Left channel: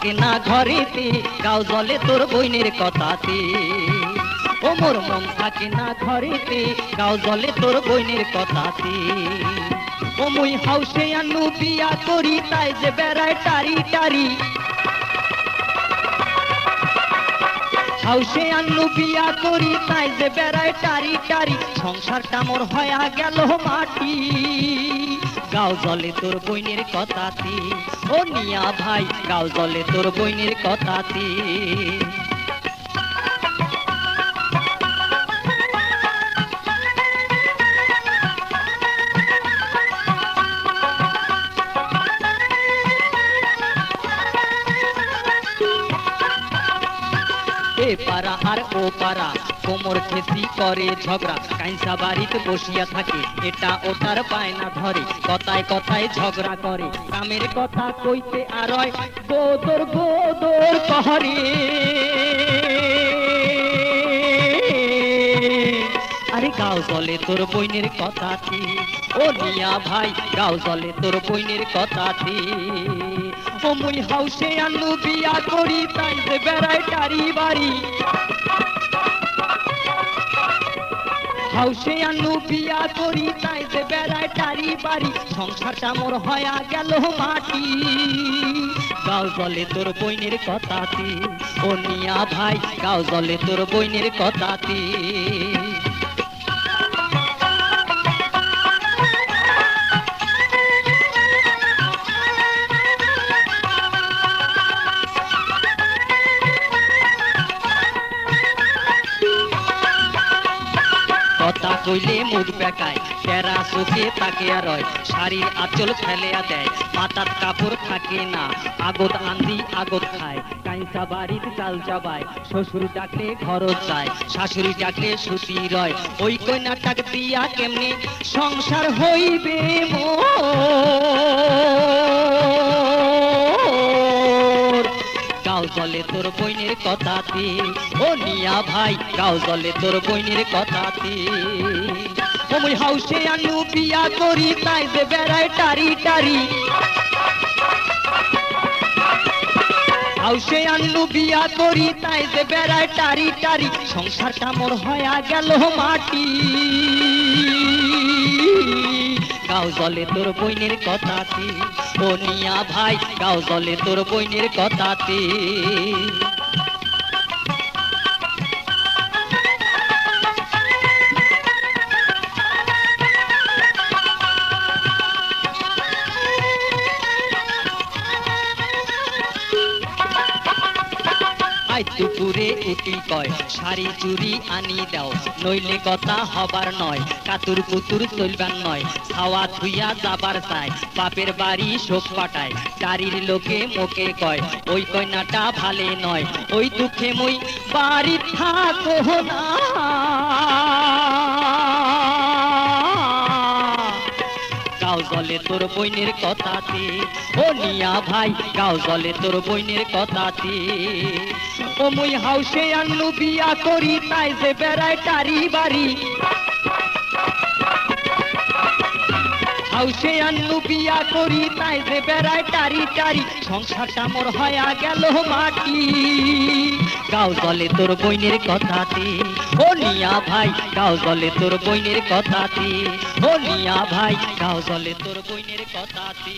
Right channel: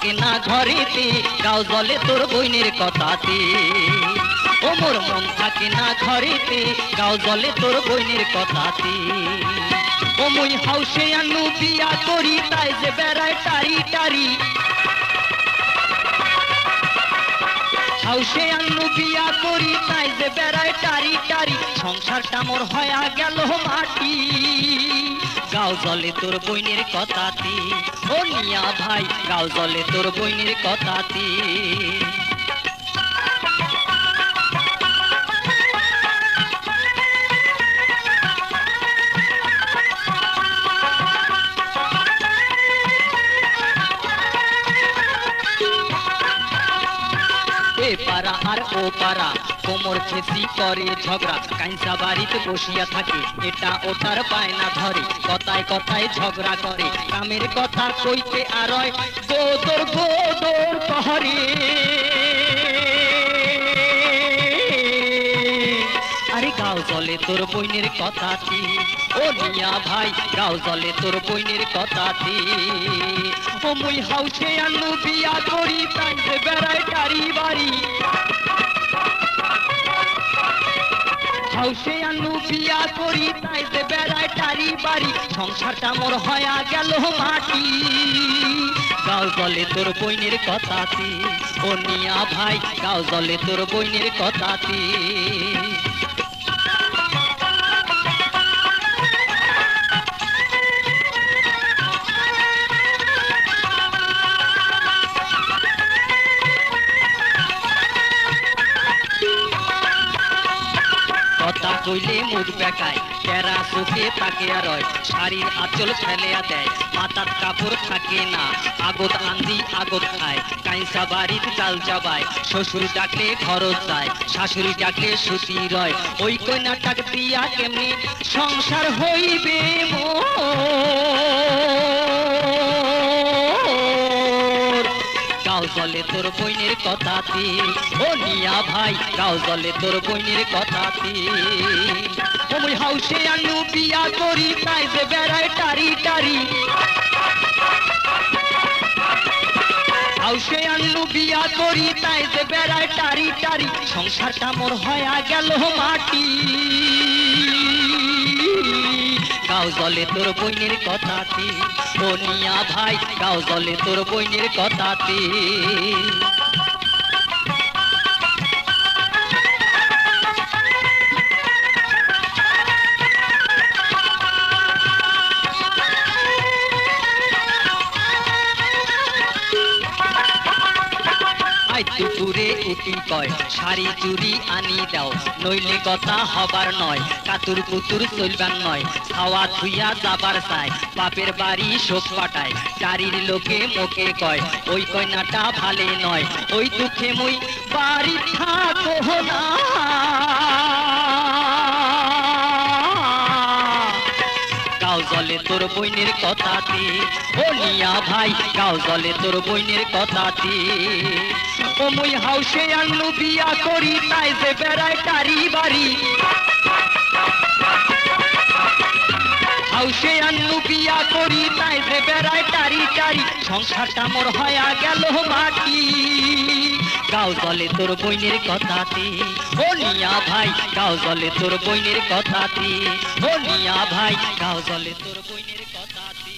থাকে না ঘরেতে, গাও জলে তোর বইনের কথাতে। ও মোর মন থাকে না ঘরেতে, গাও জলে তোর বইনের কথাতে। ও মুই হাউসে আনু বিয়া করি, তাই যে বেড়ায় টারি টারি। হাউসে আনু বিয়া করি, তাই যে বেড়ায় টারি টারি। সংসারটা মোর হয়া গেল মাটি, গাও জলে তোর বইনের কথাতে। ও মিয়া ভাই, গাও জলে তোর বইনের কথাতে। এ পাড়া আর ও পাড়া কোমর খেসি করে ঝগড়া, কাইসা বাড়িতে বসিয়া থাকে, এটা ওটার বায়না ধরে, কথায় কথায় ঝগড়া করে, কামের কথা কইতে আর গোদর গোদর কহরে। আরে গাও জলে তোর বইনের কথাতে। ও মিয়া ভাই, গাও জলে তোর বইনের কথাতে। ও মুই হাউসে আনু বিয়া করি, তাই যে বেড়ায় টারি বাড়ি। হাউসে আনু বিয়া করি, তাই যে বেড়ায় টারি বাড়ি। সংসারটা মোর হয়া গেল মাটি, গাও জলে তোর বইনের কথাতে। ও মিয়া ভাই, গাও জলে তোর বইনের কথাতে। কথা কইলে মুখ বেকায়, টেরা চোখে তাকিয়া রয়, শাড়ির আঁচল ফেলিয়া দেয়, মাথার কাপড় থাকে না, আগত আন্দি আগত খায়, কাইসা বাড়ির চাল চাবায়, শ্বশুর ডাকলে খরচ যায়, শাশুড়ি ডাকলে সুতি রয়। ওই কন্যাটাক দিয়া কেমনে সংসার হইবে মোর, গাও জলে তোর বইনের কথাতে। ও মিয়া ভাই, গাও জলে তোর বইনের কথাতে। ও মুই হাউসে আনু বিয়া করি, তাই যে বেড়ায় টারি টারি। হাউসে আনু বিয়া করি, তাই যে বেড়ায় টারি টারি। সংসারটা মোর হয়া গেল মাটি, গাও জলে তোর বইনের কথাতে। ও মিয়া ভাই, গাও জলে তোর বইনের কথাতে। দুপুরে উঠি কয়, শাড়ি চুরি আনি দাও, নইলে কথা হবার নয়, কাতুর কুতুর চলবার নয়, খাওয়া থুইয়া যাবার চায়, বাপের বাড়ি শোক পাঠায়, গাড়ির লোকে মোকে কয়, ওই কন্যাটা ভালে নয়, ওই দুঃখে মই বাড়ি থাকো না। গাও জলে তোর বইনের কথাতে। ও মিয়া ভাই, গাও জলে তোর বইনের কথাতে। ও মুই হাউসে আনু বিয়া করি, তাই যে বেড়ায় টারি বাড়ি। হাউসে আনু বিয়া করি, তাই যে বেড়ায় টারি টারি। সংসারটা মোর হয়া গেল মাটি, গাও জলে তোর বইনের কথাতে। ও মিয়া ভাই, গাও জলে তোর বইনের কথাতে। ও মিয়া ভাই, গাও জলে তোর বইনের কথাতে।